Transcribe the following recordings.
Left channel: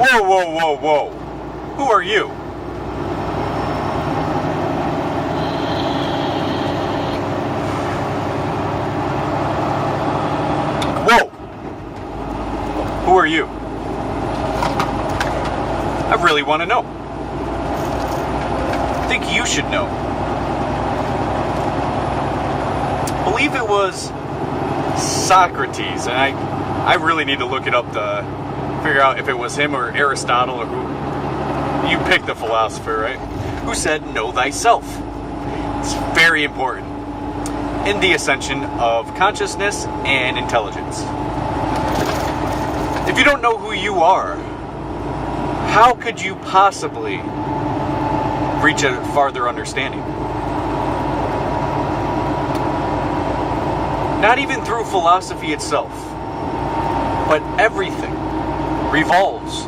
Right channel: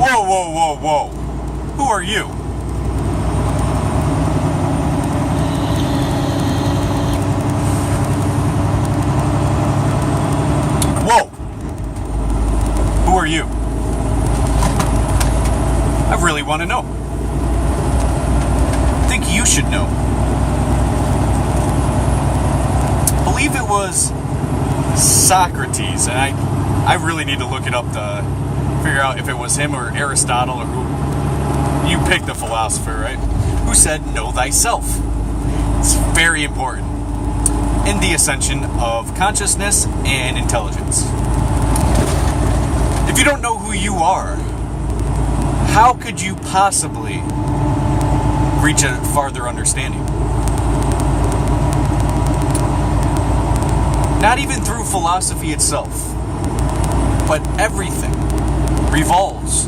Whoa, whoa, whoa, whoa. Who are you? Whoa. Who are you? I really want to know. I think you should know. I believe it was Socrates, and I really need to look it up to figure out if it was him or Aristotle or who. You picked the philosopher, right? Who said, know thyself. It's very important in the ascension of consciousness and intelligence. If you don't know who you are, how could you possibly reach a farther understanding? Not even through philosophy itself, but everything revolves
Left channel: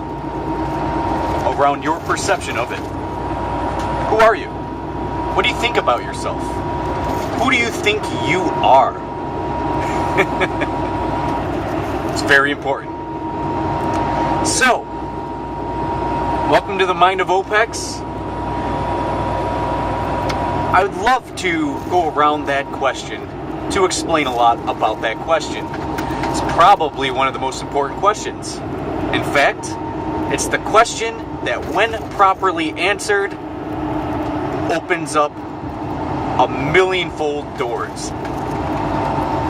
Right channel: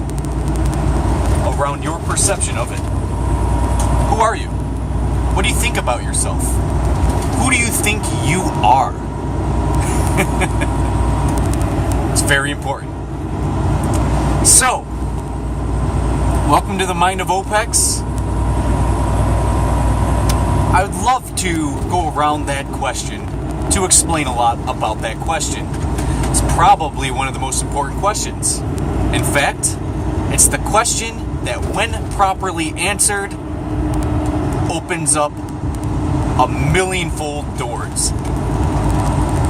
around your perception of it. Who are you? What do you think about yourself? Who do you think you are? It's very important. So, welcome to the mind of Opex. I would love to go around that question to explain a lot about that question. It's probably one of the most important questions. In fact, it's the question that, when properly answered, opens up a millionfold doors.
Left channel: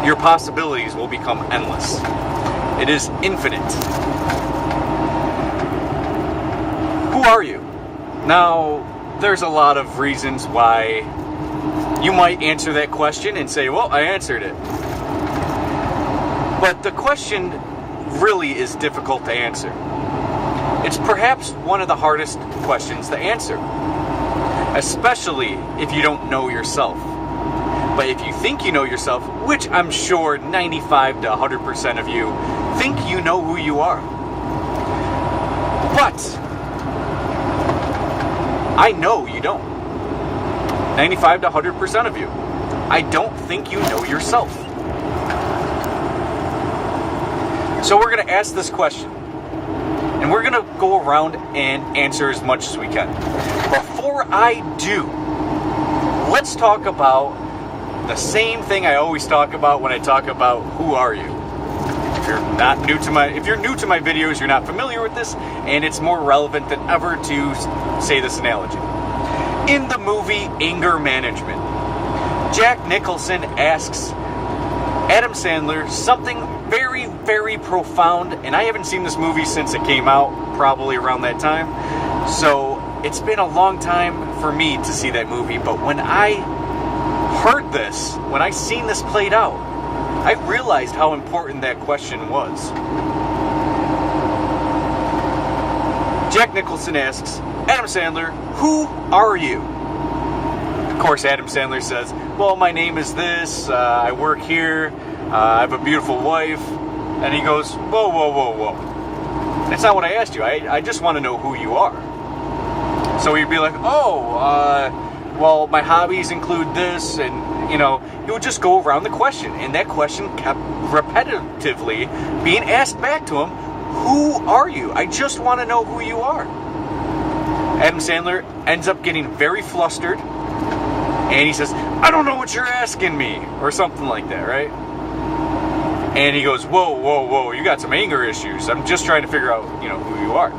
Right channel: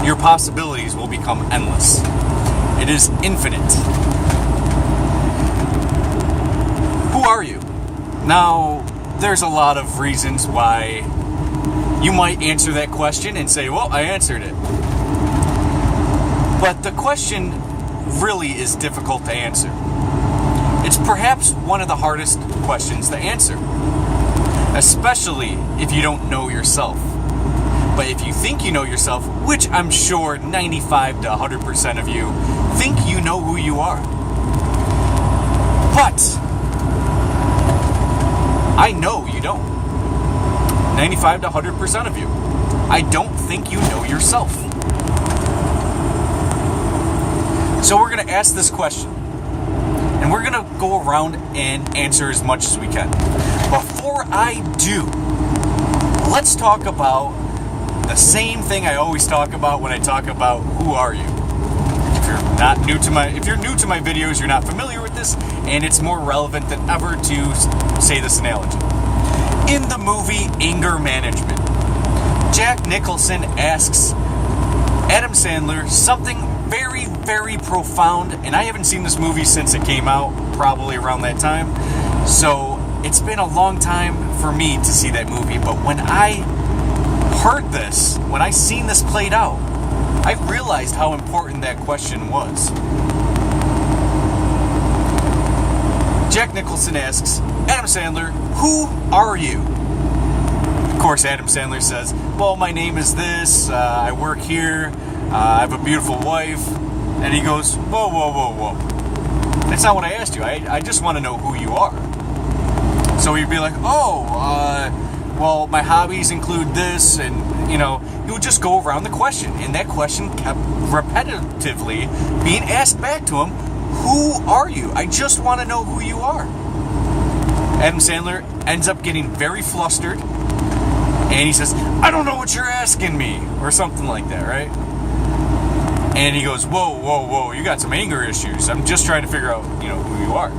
Your possibilities will become endless. It is infinite. Who are you? Now, there's a lot of reasons why you might answer that question and say, well, I answered it. But the question really is difficult to answer. It's perhaps one of the hardest questions to answer, especially if you don't know yourself. But if you think you know yourself, which I'm sure 95 to 100% of you think you know who you are. But I know you don't. 95 to 100% of you. I don't think you know yourself. So we're going to ask this question. And we're going to go around and answer as much as we can. Before I do, let's talk about the same thing I always talk about when I talk about who are you. If you're new to my videos, you're not familiar with this, and it's more relevant than ever to say this analogy. In the movie Anger Management, Jack Nicholson asks Adam Sandler something very, very profound, and I haven't seen this movie since it came out, probably around that time, so it's been a long time for me to see that movie. But when I heard this, when I seen this played out, I realized how important that question was. Jack Nicholson asks Adam Sandler, who are you? Of course, Adam Sandler says, well, my name is this, I work here, I have a beautiful wife. And he goes, whoa, whoa, whoa, whoa. That's not what I asked you. I just want to know who you are. So he'd be like, well, my hobbies include this, and, he would just go around the question. And that question kept repetitively being asked back to him, who are you? I just want to know who you are. Adam Sandler ends up getting very flustered, and he says, I don't know what you're asking me, or something like that, right? And he goes, whoa, whoa, whoa, you got some anger issues. I'm just trying to figure out, who you are.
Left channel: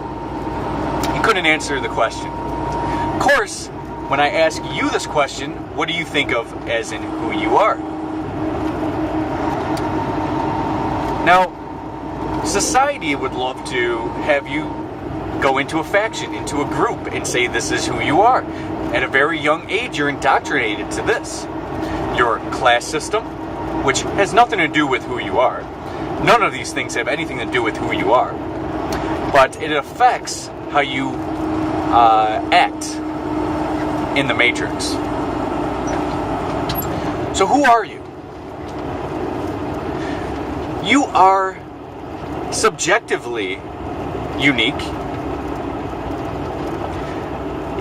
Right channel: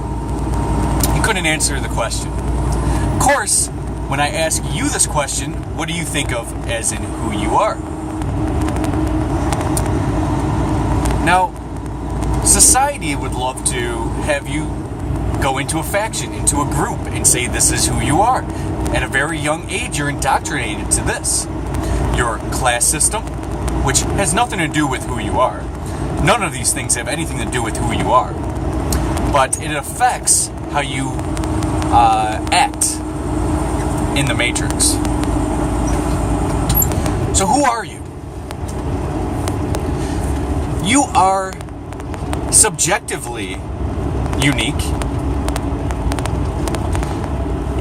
He couldn't answer the question. Of course, when I ask you this question, what do you think of as in who you are? Now, society would love to have you go into a faction, into a group, and say this is who you are. At a very young age, you're indoctrinated to this. Your class system, which has nothing to do with who you are. None of these things have anything to do with who you are. But it affects how you act in the Matrix. So who are you? You are subjectively unique.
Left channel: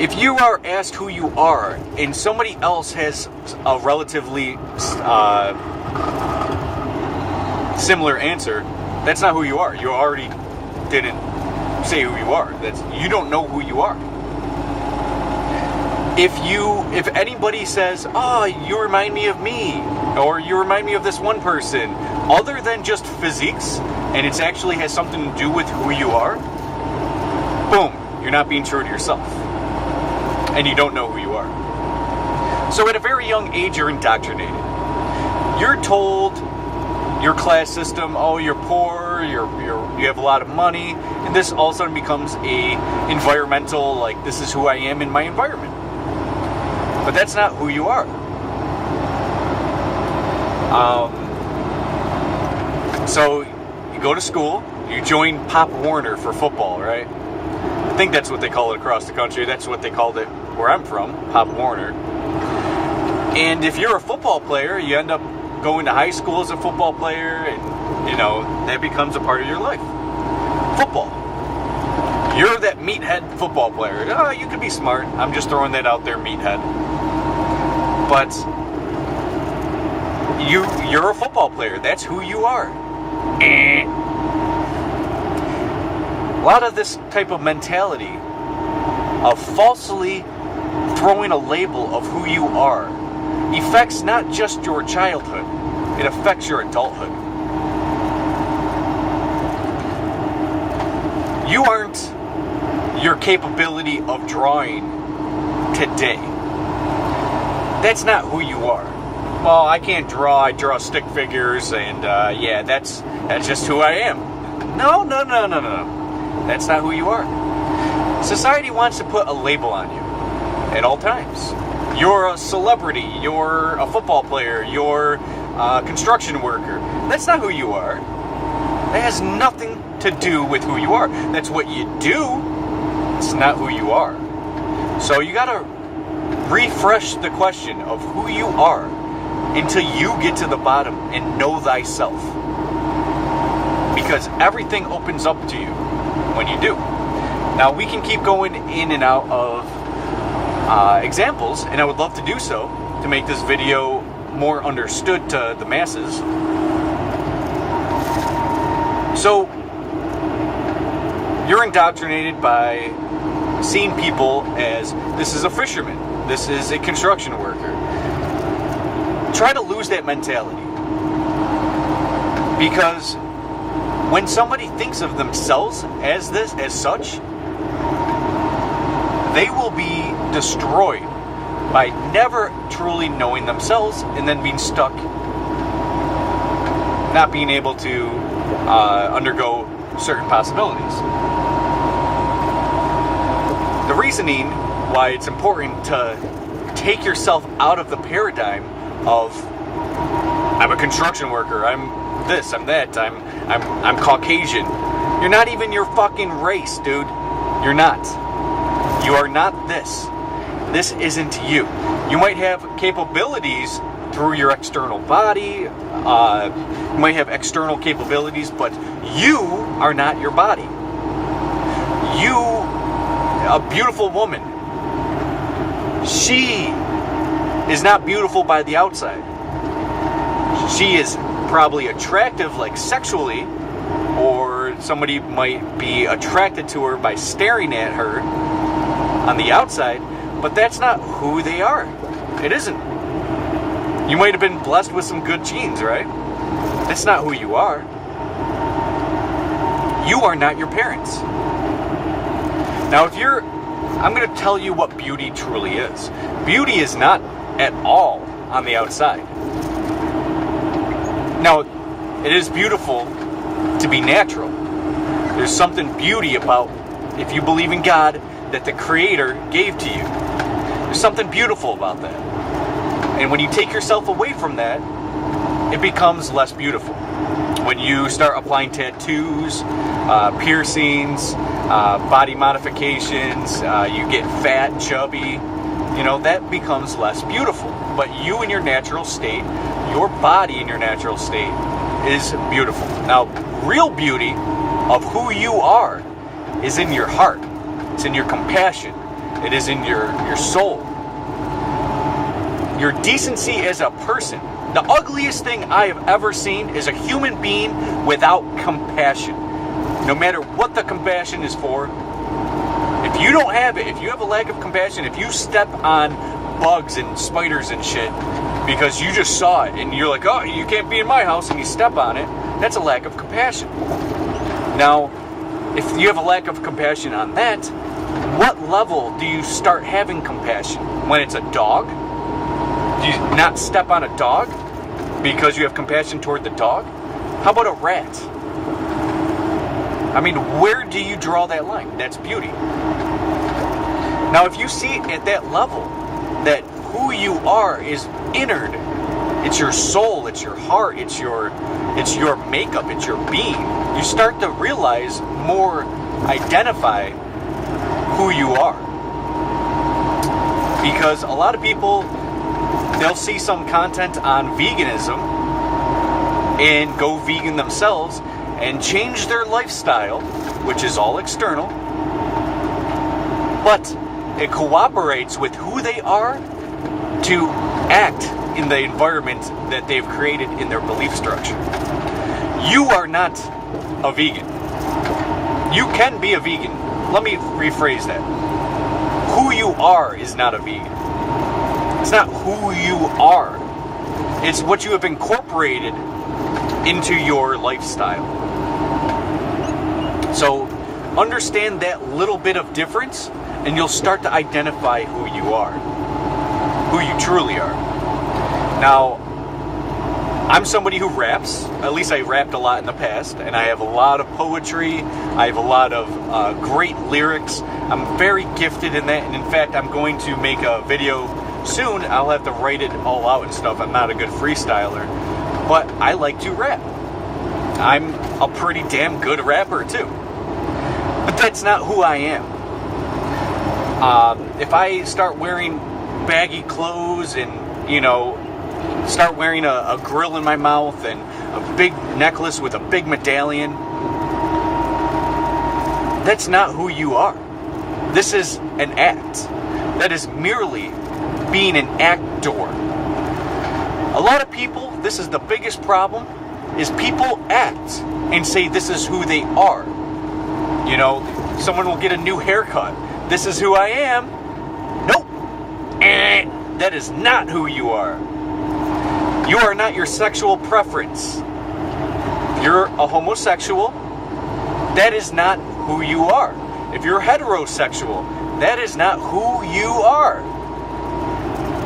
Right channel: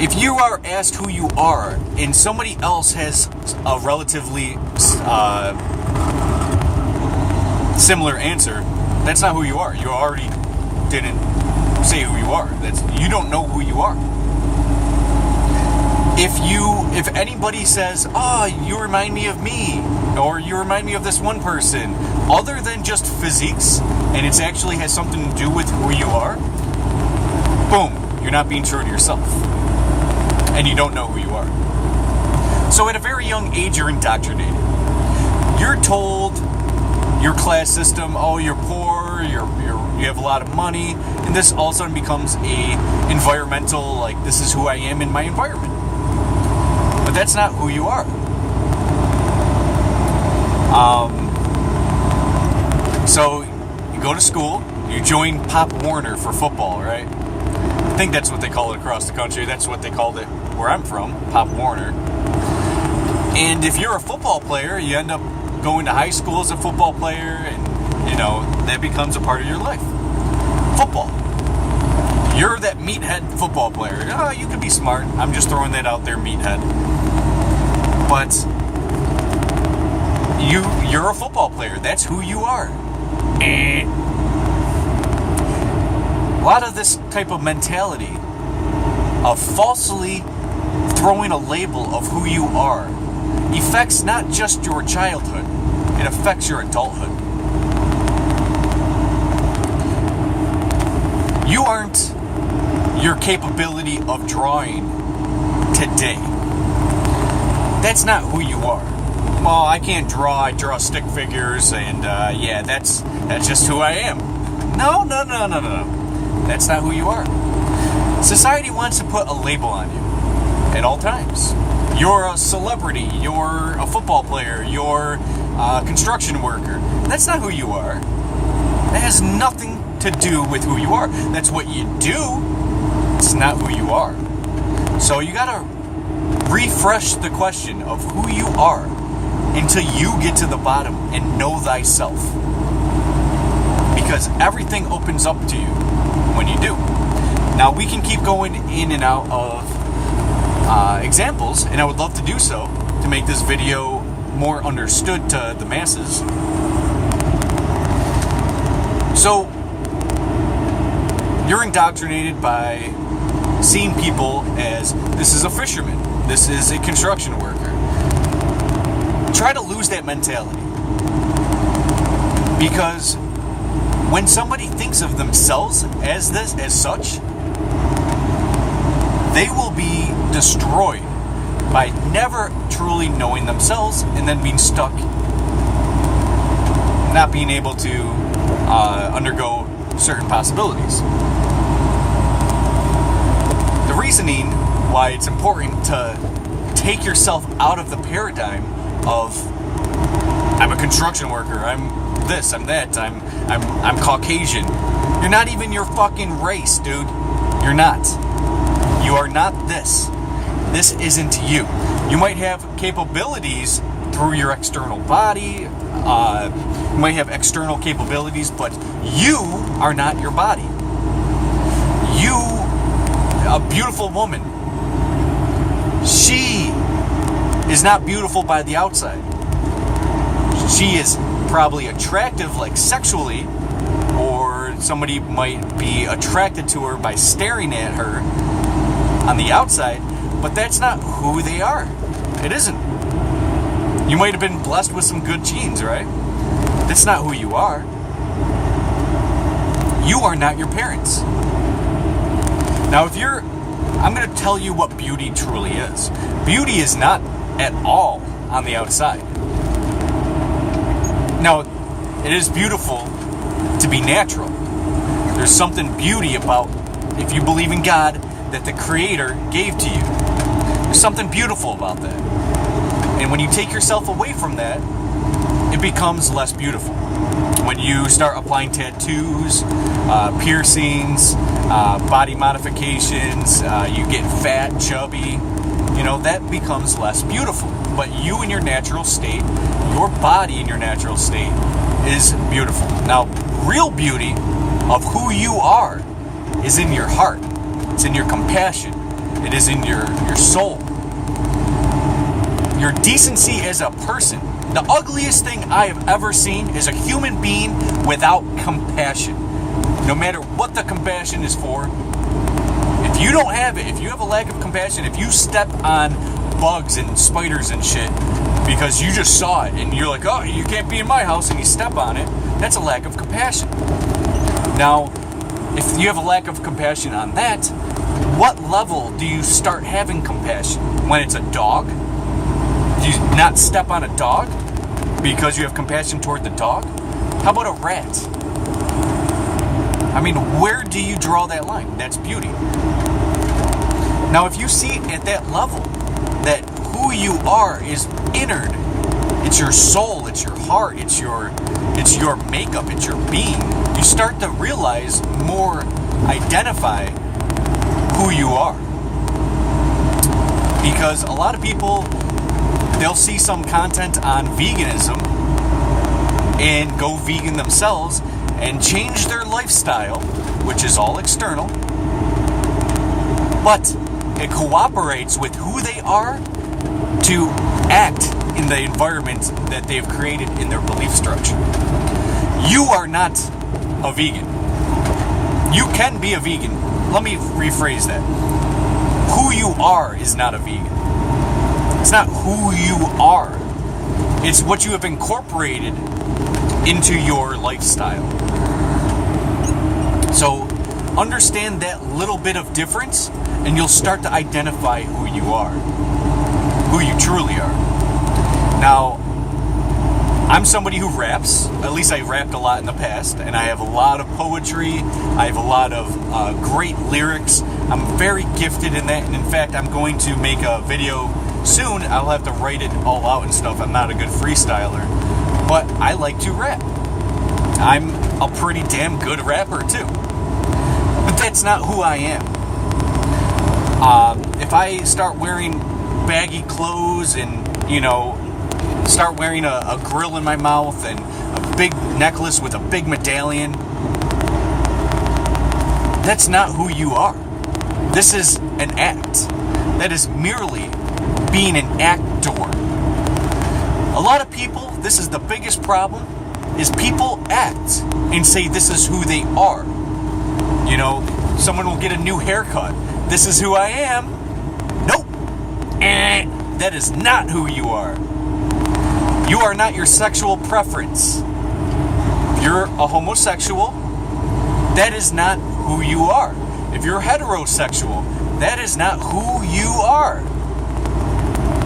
If you are asked who you are and somebody else has a relatively similar answer, that's not who you are. You already didn't say who you are. You don't know who you are. If anybody says, "Oh, you remind me of me," or "You remind me of this one person," other than just physiques, and it actually has something to do with who you are, boom, you're not being true to yourself. And you don't know who you are. So at a very young age, you're indoctrinated. You're told your class system, oh, you're poor, you have a lot of money, and this all of a sudden becomes a environmental, like, this is who I am in my environment. But that's not who you are. So you go to school, you join Pop Warner for football, right? I think that's what they call it across the country. That's what they called it where I'm from, Pop Warner. And if you're a football player, you end up going to high school as a football player, and, that becomes a part of your life. Football. You're that meathead football player. Oh, you could be smart. I'm just throwing that out there, meathead. But you're a football player. That's who you are. A lot of this type of mentality of falsely throwing a label of who you are affects not just your childhood, it affects your adulthood. You aren't your capability of drawing today. That's not who you are. Well, I can't draw, I draw stick figures, and that's just who I am. No. That's not who you are. Society wants to put a label on you at all times. You're a celebrity, you're a football player, you're a construction worker. That's not who you are. That has nothing to do with who you are. That's what you do. It's not who you are. So you gotta refresh the question of who you are until you get to the bottom and know thyself. Because everything opens up to you when you do. Now, we can keep going in and out of examples, and I would love to do so to make this video more understood to the masses. So, you're indoctrinated by seeing people as, this is a fisherman, this is a construction worker. Try to lose that mentality. Because when somebody thinks of themselves as such, they will be destroyed by never truly knowing themselves and then being stuck, not being able to undergo certain possibilities. The reasoning why it's important to take yourself out of the paradigm of, I'm a construction worker, I'm this, I'm that, I'm Caucasian. You're not even your fucking race, dude. You're not. You are not this. This isn't you. You might have capabilities through your external body. You might have external capabilities, but you are not your body. You, a beautiful woman, she is not beautiful by the outside. She is probably attractive, like sexually, or somebody might be attracted to her by staring at her on the outside, but that's not who they are. It isn't. You might have been blessed with some good genes, right? That's not who you are. You are not your parents. Now, I'm going to tell you what beauty truly is. Beauty is not at all on the outside. Now, it is beautiful to be natural. There's something beauty about, if you believe in God, that the Creator gave to you. There's something beautiful about that. And when you take yourself away from that, it becomes less beautiful. When you start applying tattoos, piercings, body modifications, you get fat, chubby, that becomes less beautiful. But you in your natural state, your body in your natural state is beautiful. Now, real beauty of who you are is in your heart. It's in your compassion. It is in your soul. Your decency as a person. The ugliest thing I have ever seen is a human being without compassion. no matter what the compassion is for. If you don't have it, if you have a lack of compassion, if you step on bugs and spiders and shit because you just saw it and you're like, oh, you can't be in my house, and you step on it, that's a lack of compassion. Now, if you have a lack of compassion on that, what level do you start having compassion? When it's a dog? Do you not step on a dog because you have compassion toward the dog? How about a rat? I mean, where do you draw that line? That's beauty. Now, if you see it at that level, that who you are is innard, it's your soul, it's your heart, it's your makeup, it's your being, you start to realize more, identify who you are. Because a lot of people, they'll see some content on veganism and go vegan themselves and change their lifestyle, which is all external, but it cooperates with who they are to act in the environment that they've created in their belief structure. You are not a vegan. You can be a vegan. Let me rephrase that. Who you are is not a vegan. It's not who you are. It's what you have incorporated into your lifestyle. So understand that little bit of difference, and you'll start to identify who you are, who you truly are. Now, I'm somebody who raps. At least I rapped a lot in the past, and I have a lot of poetry. I have a lot of great lyrics. I'm very gifted in that, and in fact, I'm going to make a video soon. I'll have to write it all out and stuff. I'm not a good freestyler, but I like to rap. I'm a pretty damn good rapper too. But that's not who I am. If I start wearing baggy clothes and, start wearing a grill in my mouth and a big necklace with a big medallion, that's not who you are. This is an act. That is merely being an actor. A lot of people, this is the biggest problem, is people act and say this is who they are. Someone will get a new haircut. This is who I am. Nope. That is not who you are. You are not your sexual preference. If you're a homosexual, that is not who you are. If you're heterosexual, that is not who you are.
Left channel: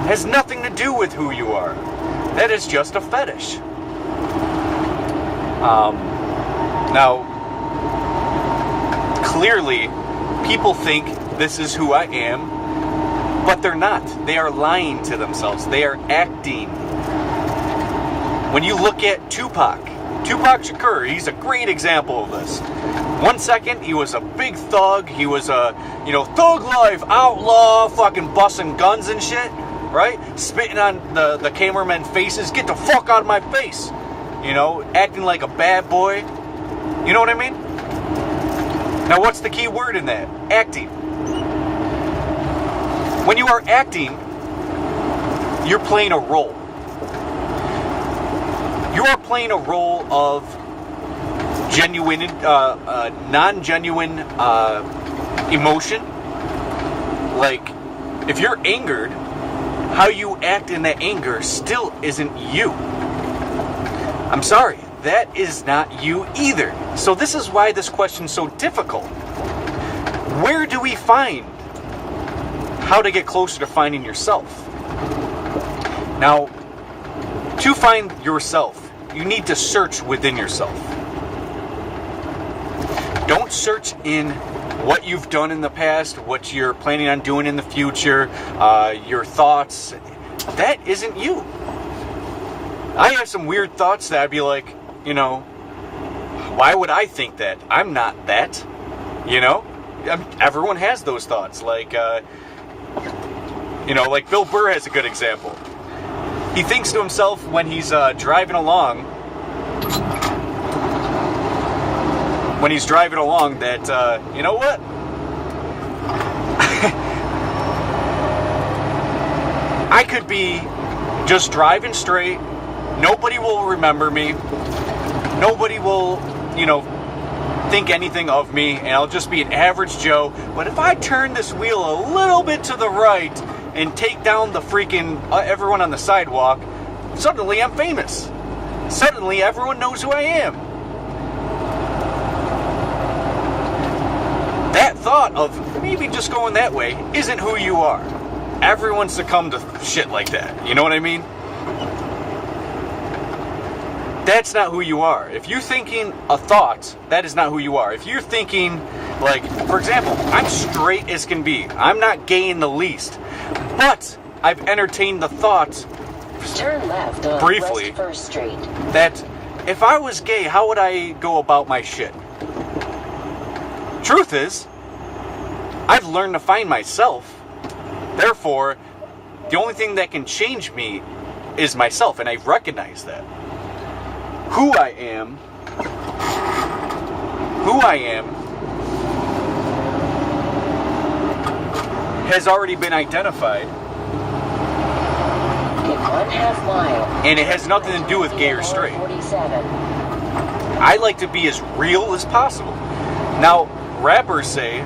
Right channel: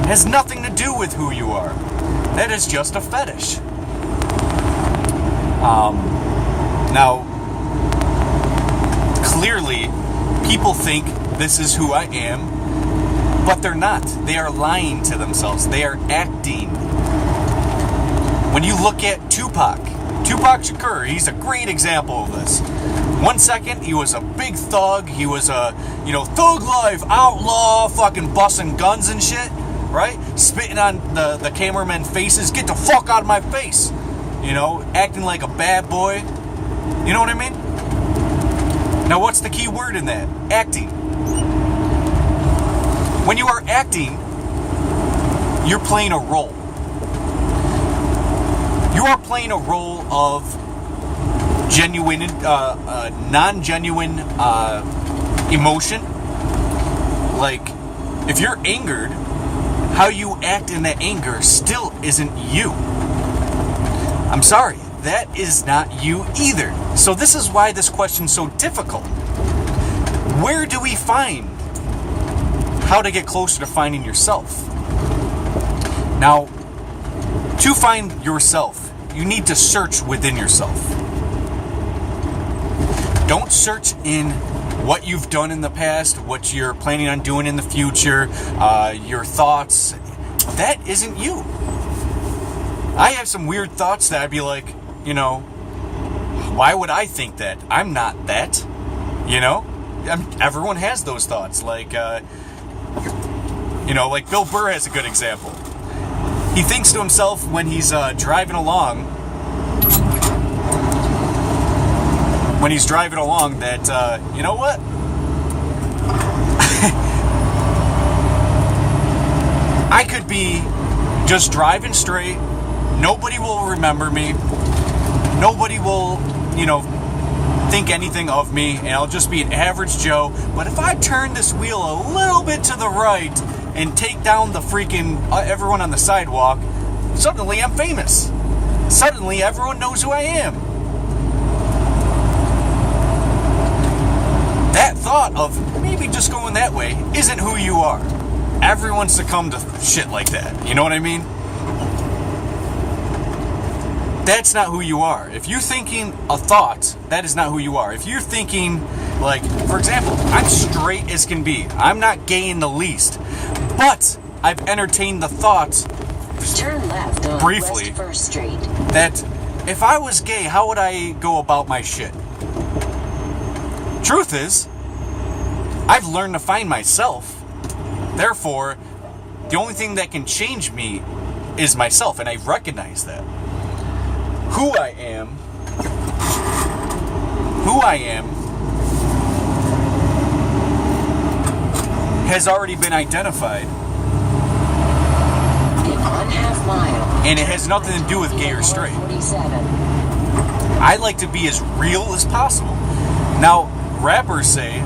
It has nothing to do with who you are. That is just a fetish. Now, clearly, people think this is who I am, but they're not. They are lying to themselves. They are acting. When you look at Tupac Shakur, he's a great example of this. 1 second, he was a big thug. He was a, thug life, outlaw, fucking busting guns and shit, right? Spitting on the cameramen faces. Get the fuck out of my face. Acting like a bad boy. You know what I mean? Now, what's the key word in that? Acting. When you are acting, you're playing a role. You are playing a role of genuine, non-genuine emotion. Like, if you're angered, how you act in that anger still isn't you. I'm sorry, that is not you either. So this is why this question's so difficult. Where do we find how to get closer to finding yourself? Now, to find yourself, you need to search within yourself. Don't search in what you've done in the past, what you're planning on doing in the future, your thoughts. That isn't you. I have some weird thoughts that I'd be like, why would I think that? I'm not that. Everyone has those thoughts. Like Bill Burr has a good example. He thinks to himself when he's driving along that, you know what? I could be just driving straight. Nobody will remember me. Nobody will, think anything of me, and I'll just be an average Joe. But if I turn this wheel a little bit to the right and take down the freaking everyone on the sidewalk, suddenly I'm famous. Suddenly everyone knows who I am. That thought of maybe just going that way isn't who you are. Everyone succumbed to shit like that. You know what I mean? That's not who you are. If you're thinking a thought, that is not who you are. If you're thinking, like, for example, I'm straight as can be. I'm not gay in the least. But I've entertained the thought, turn left on briefly, West First Street, that if I was gay, how would I go about my shit? Truth is, I've learned to find myself. Therefore, the only thing that can change me is myself, and I recognize that. Who I am has already been identified, in 1/2 mile, and it has nothing to do with gay or straight. 47. I like to be as real as possible. Now, rappers say,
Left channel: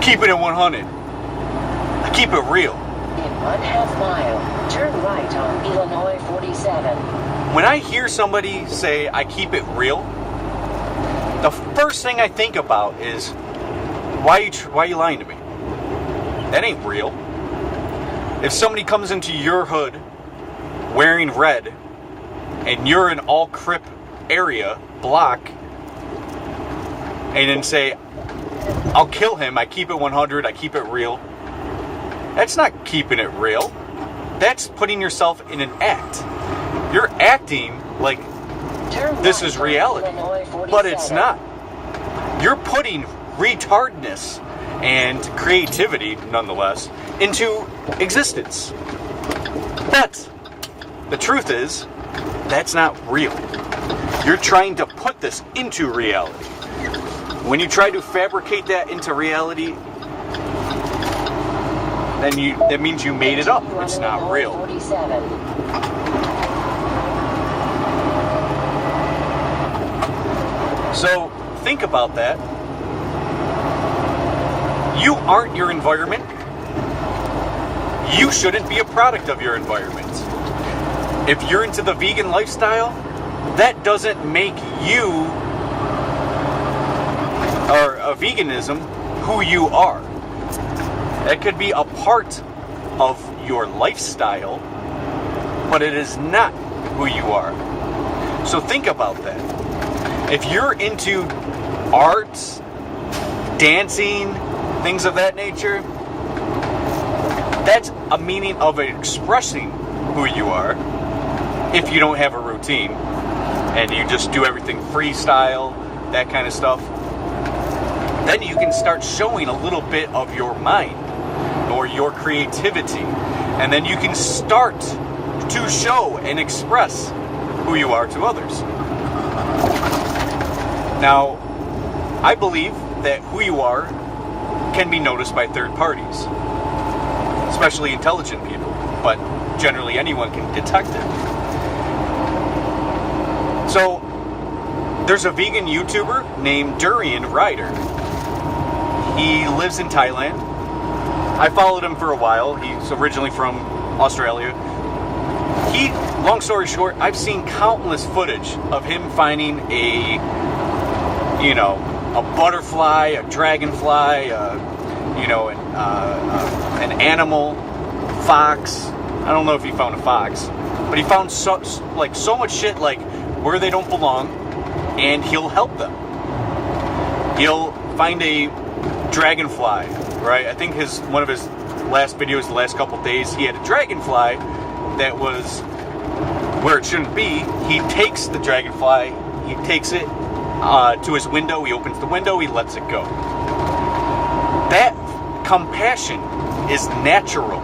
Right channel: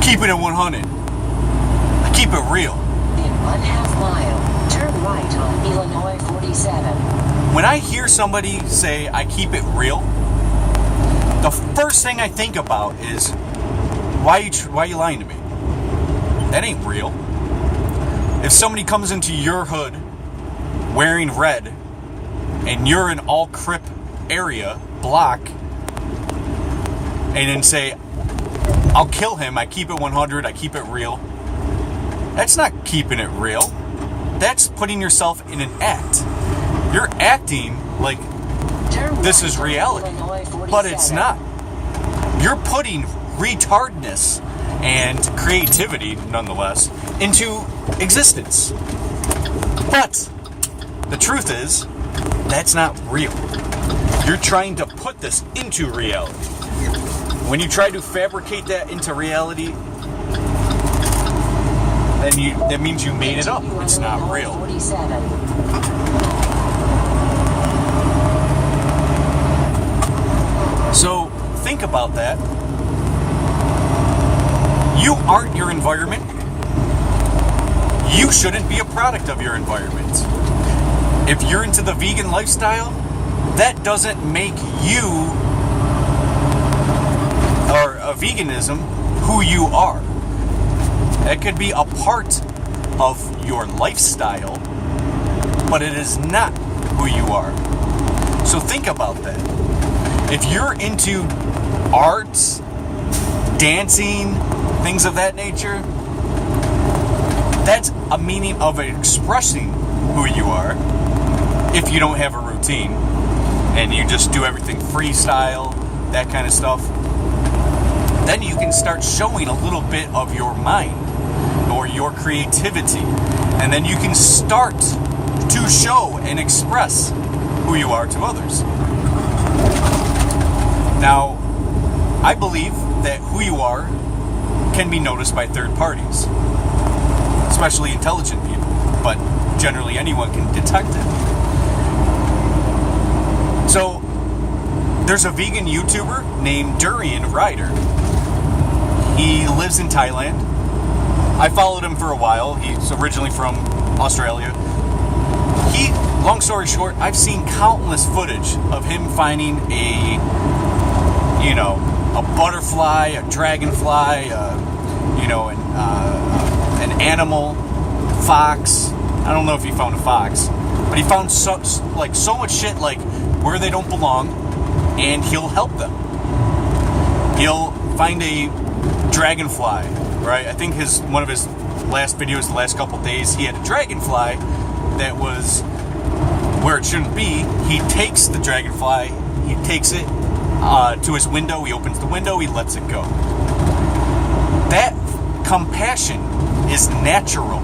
keep it at 100. I keep it real. In 1/2 mile, turn right on Illinois 47. When I hear somebody say, I keep it real, the first thing I think about is, why are you lying to me? That ain't real. If somebody comes into your hood wearing red, and you're in all Crip area, block, and then say, I'll kill him, I keep it 100, I keep it real. That's not keeping it real. That's putting yourself in an act. You're acting like this is reality, but it's not. You're putting retardness and creativity, nonetheless, into existence. But the truth is, that's not real. You're trying to put this into reality. When you try to fabricate that into reality, then that means you made it up. It's not real. 47. So think about that. You aren't your environment. You shouldn't be a product of your environment. If you're into the vegan lifestyle, that doesn't make you, or veganism, who you are. That could be a part of your lifestyle, but it is not who you are. So think about that. If you're into arts, dancing, things of that nature, that's a meaning of expressing who you are. If you don't have a routine and you just do everything freestyle, that kind of stuff, then you can start showing a little bit of your mind or your creativity, and then you can start to show and express who you are to others. Now, I believe that who you are can be noticed by third parties, especially intelligent people, but generally anyone can detect it. So, there's a vegan YouTuber named Durian Ryder. He lives in Thailand. I followed him for a while. He's originally from Australia. Long story short, I've seen countless footage of him finding a butterfly, a dragonfly, an animal, fox. I don't know if he found a fox, but he found so much shit like where they don't belong, and he'll help them. He'll find a dragonfly, right? I think one of his last videos, the last couple days, he had a dragonfly that was where it shouldn't be. He takes the dragonfly, he takes it to his window, he opens the window, he lets it go. That compassion is natural.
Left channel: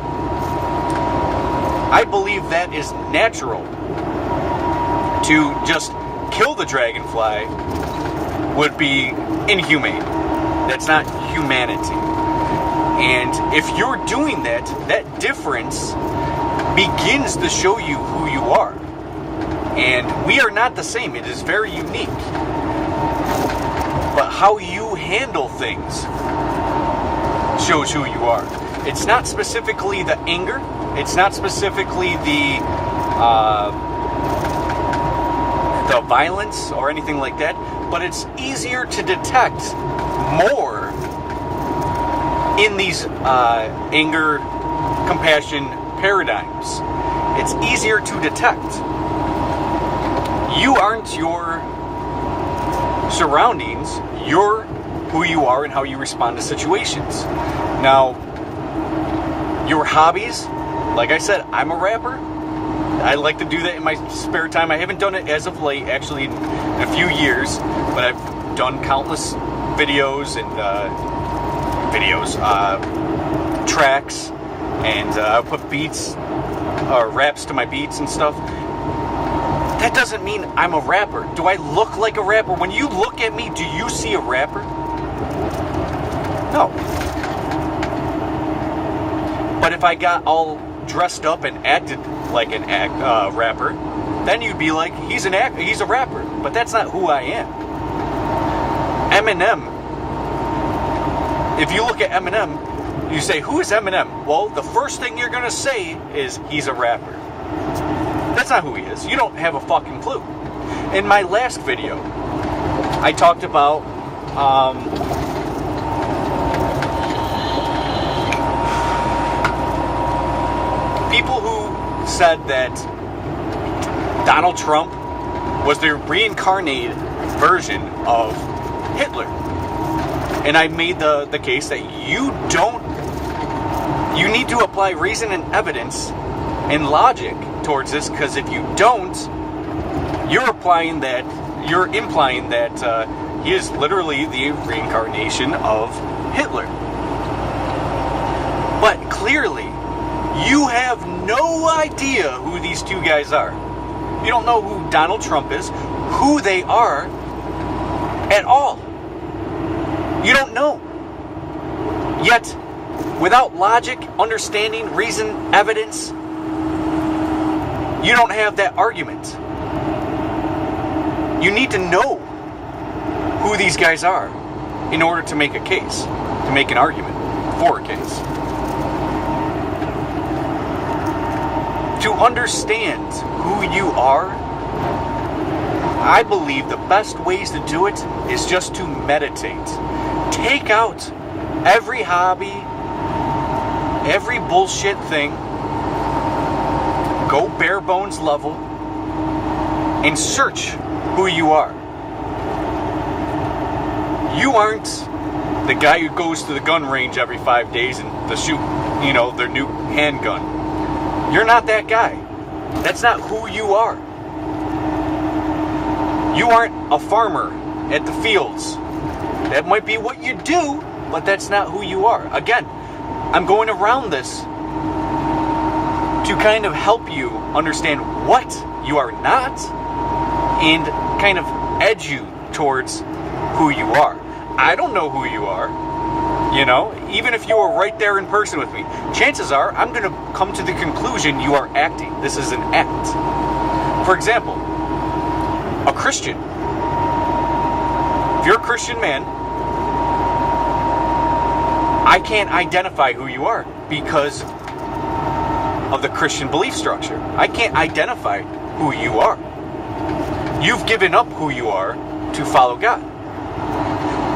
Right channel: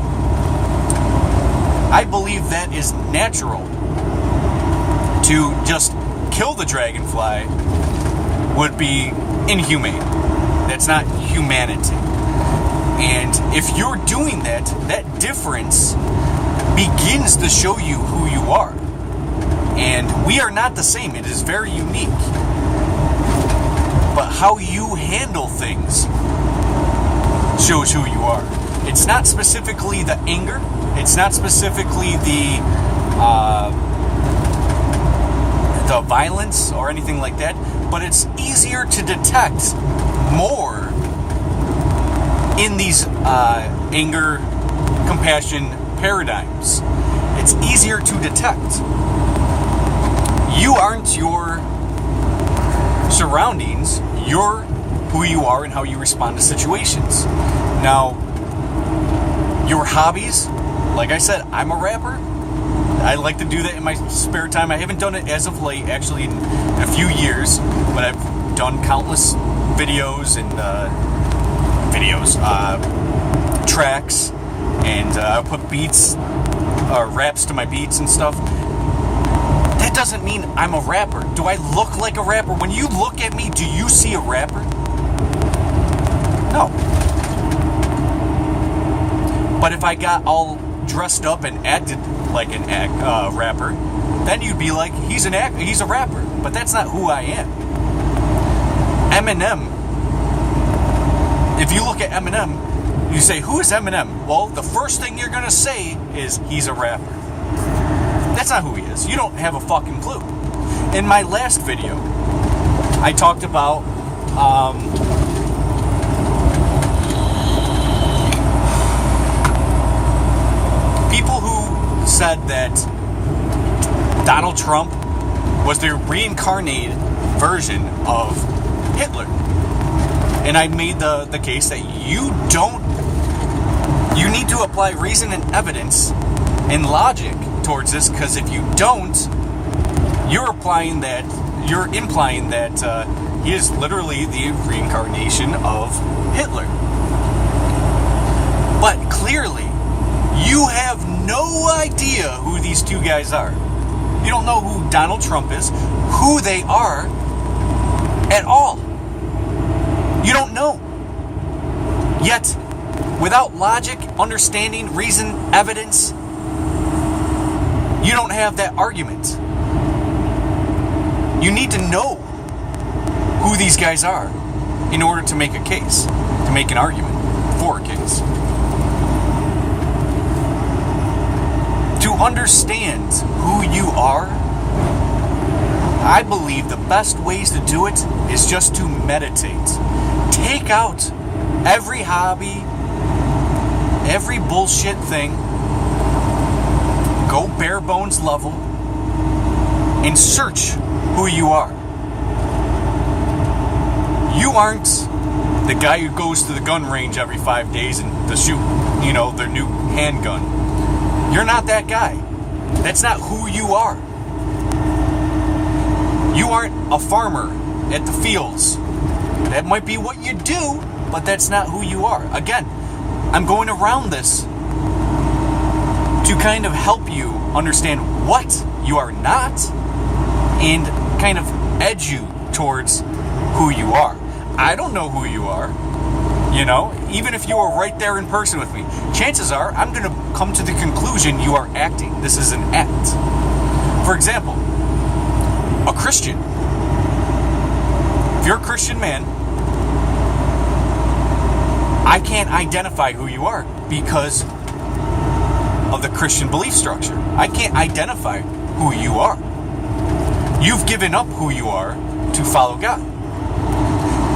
I believe that is natural. To just kill the dragonfly would be inhumane. That's not humanity. And if you're doing that, that difference begins to show you who you are. And we are not the same. It is very unique. But how you handle things shows who you are. It's not specifically the anger. It's not specifically the violence or anything like that. But it's easier to detect more in these anger, compassion paradigms. It's easier to detect. You aren't your surroundings. You're who you are and how you respond to situations. Now, your hobbies, like I said, I'm a rapper. I like to do that in my spare time. I haven't done it as of late, actually, in a few years, but I've done countless videos and tracks, and I put beats or raps to my beats and stuff. That doesn't mean I'm a rapper. Do I look like a rapper? When you look at me, do you see a rapper? No. But if I got all dressed up and acted like an rapper, then you'd be like, he's a rapper. But that's not who I am. Eminem, if you look at Eminem, you say, who is Eminem? Well, the first thing you're going to say is, he's a rapper. That's not who he is. You don't have a fucking clue. In my last video, I talked about people who said that Donald Trump was the reincarnated version of Hitler. And I made the case that you need to apply reason and evidence and logic towards this, because if you don't, you're implying that he is literally the reincarnation of Hitler. But clearly, you have no idea who these two guys are. You don't know who Donald Trump is, who they are, at all. You don't know. Yet, without logic, understanding, reason, evidence, you don't have that argument. You need to know who these guys are in order to make a case, to make an argument for a case. To understand who you are, I believe the best ways to do it is just to meditate. Take out every hobby, every bullshit thing, go bare bones level, and search who you are. You aren't the guy who goes to the gun range every 5 days and to shoot, their new handgun. You're not that guy. That's not who you are. You aren't a farmer at the fields. That might be what you do, but that's not who you are. Again, I'm going around this to kind of help you understand what you are not and kind of edge you towards who you are. I don't know who you are, even if you were right there in person with me. Chances are I'm going to come to the conclusion you are acting. This is an act. For example, a Christian. If you're a Christian man, I can't identify who you are because of the Christian belief structure. I can't identify who you are. You've given up who you are to follow God.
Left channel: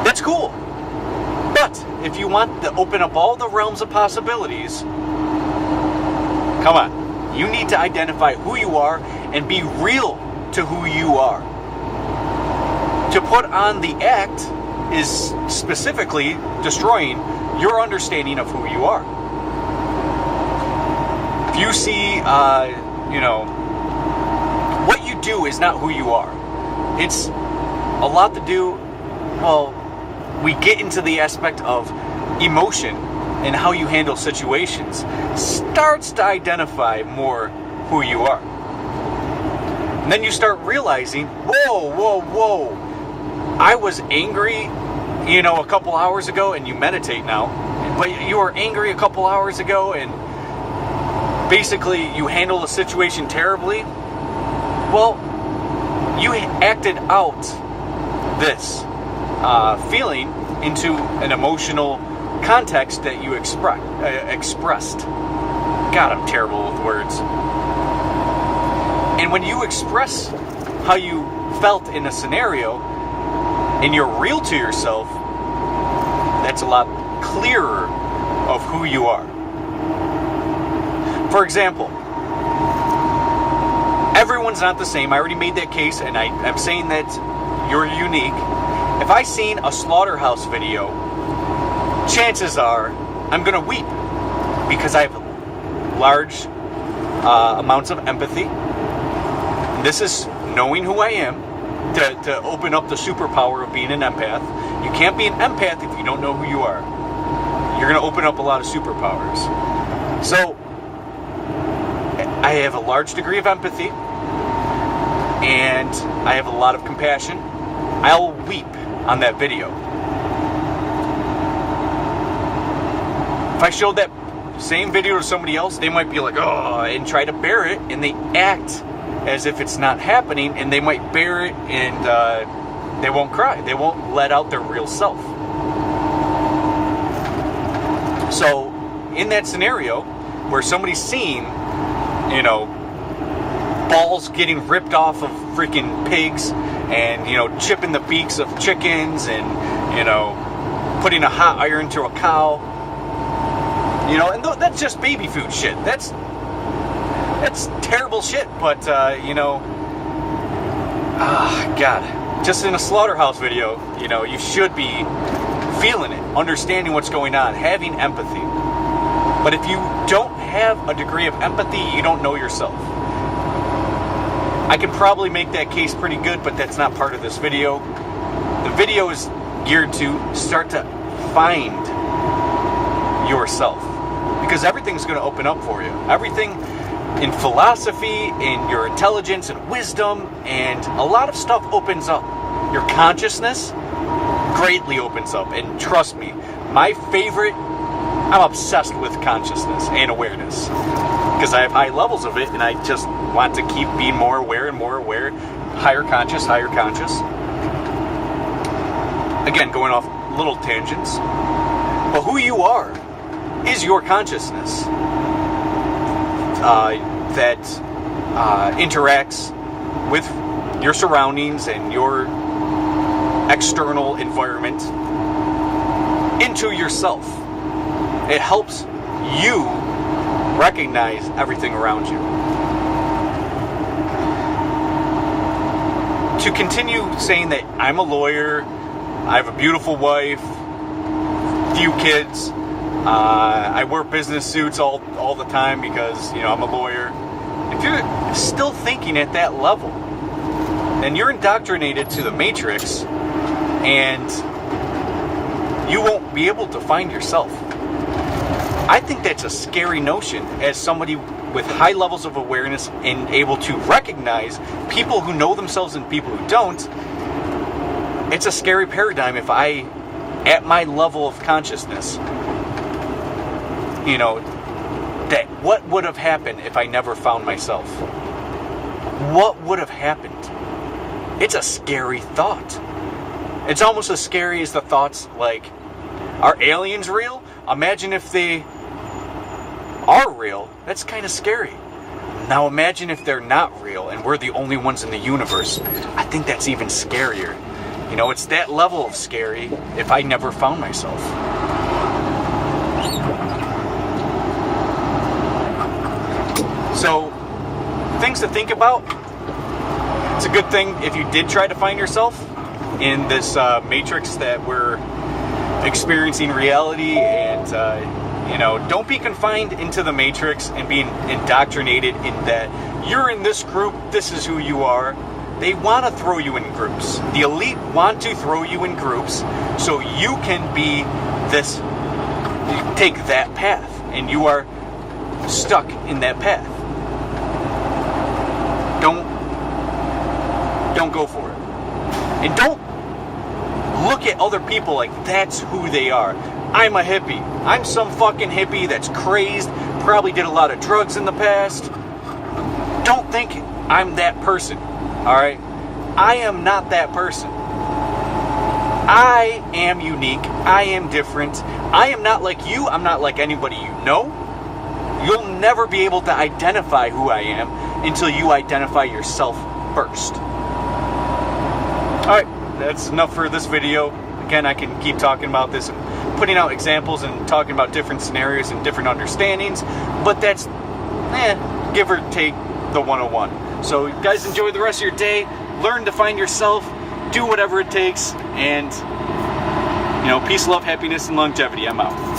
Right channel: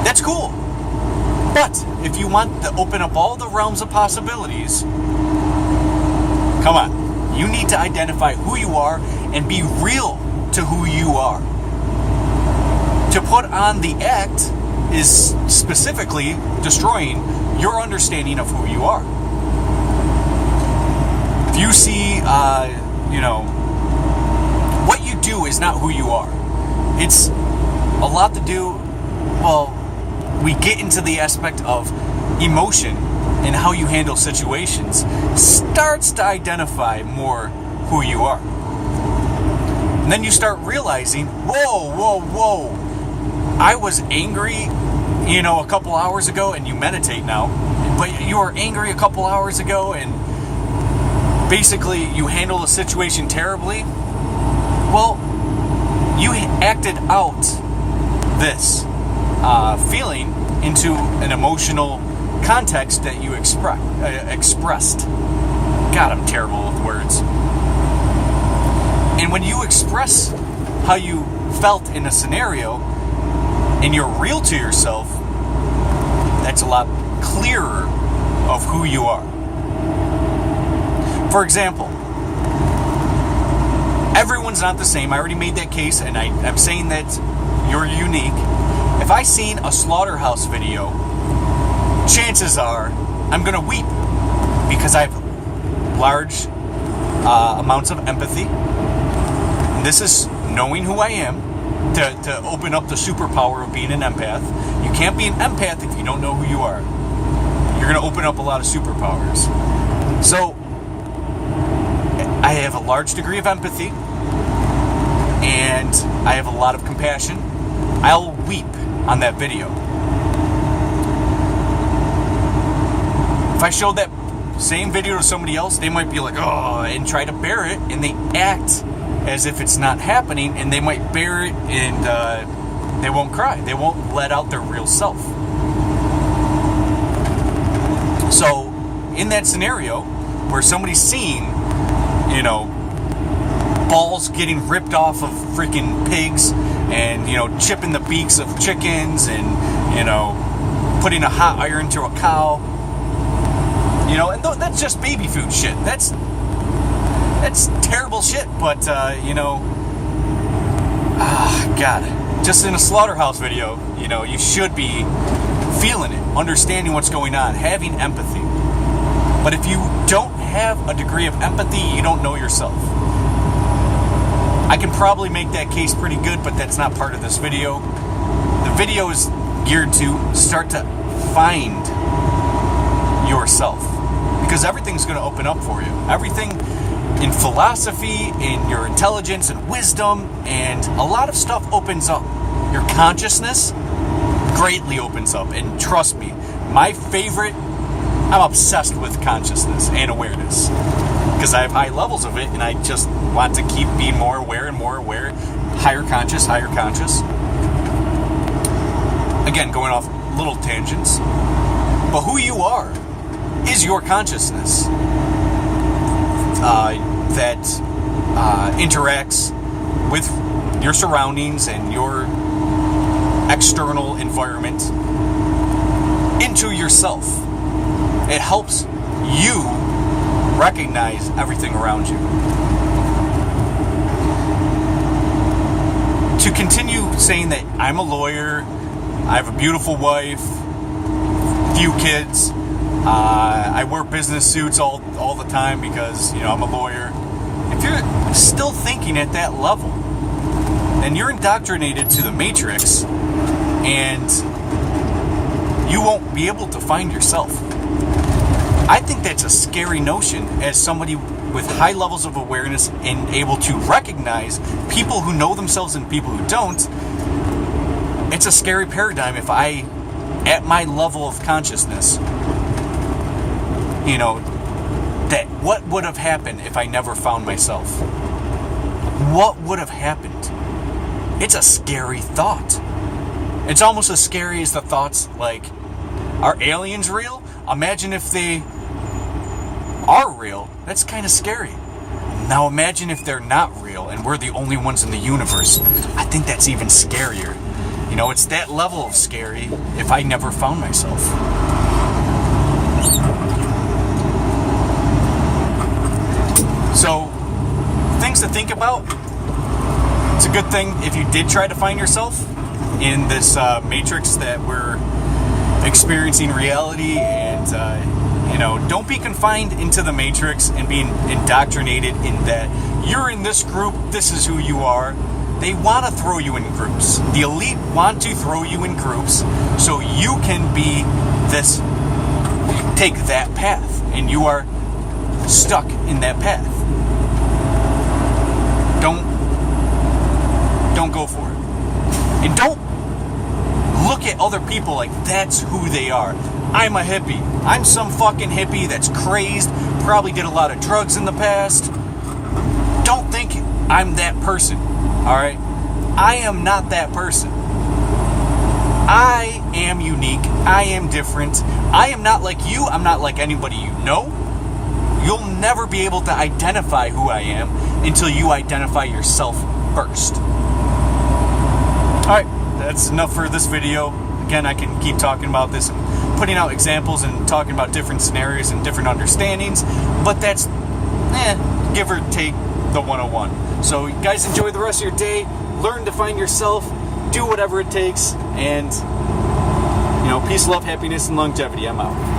That's cool. But if you want to open up all the realms of possibilities, come on. You need to identify who you are and be real to who you are. To put on the act is specifically destroying your understanding of who you are. If you see, what you do is not who you are. It's a lot to do, we get into the aspect of emotion and how you handle situations starts to identify more who you are. And then you start realizing, whoa, I was angry, a couple hours ago, and you meditate now, but you were angry a couple hours ago and basically you handle a situation terribly. Well, you acted out this feeling into an emotional context that you expressed. God, I'm terrible with words. And when you express how you felt in a scenario and you're real to yourself, that's a lot clearer of who you are. For example, everyone's not the same. I already made that case, and I'm saying that you're unique. If I seen a slaughterhouse video, chances are I'm going to weep because I have large amounts of empathy. And this is knowing who I am to open up the superpower of being an empath. You can't be an empath if you don't know who you are. You're going to open up a lot of superpowers. So I have a large degree of empathy and I have a lot of compassion. I'll weep on that video. If I showed that same video to somebody else, they might be like, oh, and try to bear it, and they act as if it's not happening, and they might bear it, and they won't cry. They won't let out their real self. So, in that scenario, where somebody's seeing, balls getting ripped off of freaking pigs, and, chipping the beaks of chickens, and, putting a hot iron to a cow, and that's just baby food shit. That's terrible shit, but, God, just in a slaughterhouse video, you should be feeling it, understanding what's going on, having empathy. But if you don't have a degree of empathy, you don't know yourself. I can probably make that case pretty good, but that's not part of this video. The video is geared to start to find yourself, because everything's going to open up for you. Everything in philosophy, in your intelligence and wisdom, and a lot of stuff opens up. Your consciousness greatly opens up, and trust me, I'm obsessed with consciousness and awareness, because I have high levels of it, and I just want to keep being more aware and more aware, higher conscious. Again, going off little tangents, but who you are is your consciousness that interacts with your surroundings and your external environment into yourself. It helps you recognize everything around you. To continue saying that I'm a lawyer, I have a beautiful wife, few kids, I wear business suits all the time because, I'm a lawyer. If you're still thinking at that level, then you're indoctrinated to the Matrix, and you won't be able to find yourself. I think that's a scary notion as somebody with high levels of awareness and able to recognize people who know themselves and people who don't. It's a scary paradigm if I, at my level of consciousness, that what would have happened if I never found myself? What would have happened? It's a scary thought. It's almost as scary as the thoughts like, are aliens real? Imagine if they are real. That's kind of scary. Now imagine if they're not real and we're the only ones in the universe. I think that's even scarier. It's that level of scary if I never found myself. So, things to think about. It's a good thing if you did try to find yourself in this matrix that we're experiencing reality, and don't be confined into the matrix and being indoctrinated in that you're in this group, this is who you are. They want to throw you in groups. The elite want to throw you in groups so you can be this, take that path, and you are stuck in that path. Don't go for it. And don't look at other people like that's who they are. I'm a hippie. I'm some fucking hippie that's crazed, probably did a lot of drugs in the past. Don't think I'm that person, alright? I am not that person. I am unique. I am different. I am not like you. I'm not like anybody you know. You'll never be able to identify who I am until you identify yourself first. Alright, that's enough for this video. Again, I can keep talking about this and putting out examples and talking about different scenarios and different understandings, but that's, give or take the 101. So guys, enjoy the rest of your day. Learn to find yourself. Do whatever it takes. And, peace, love, happiness, and longevity. I'm out.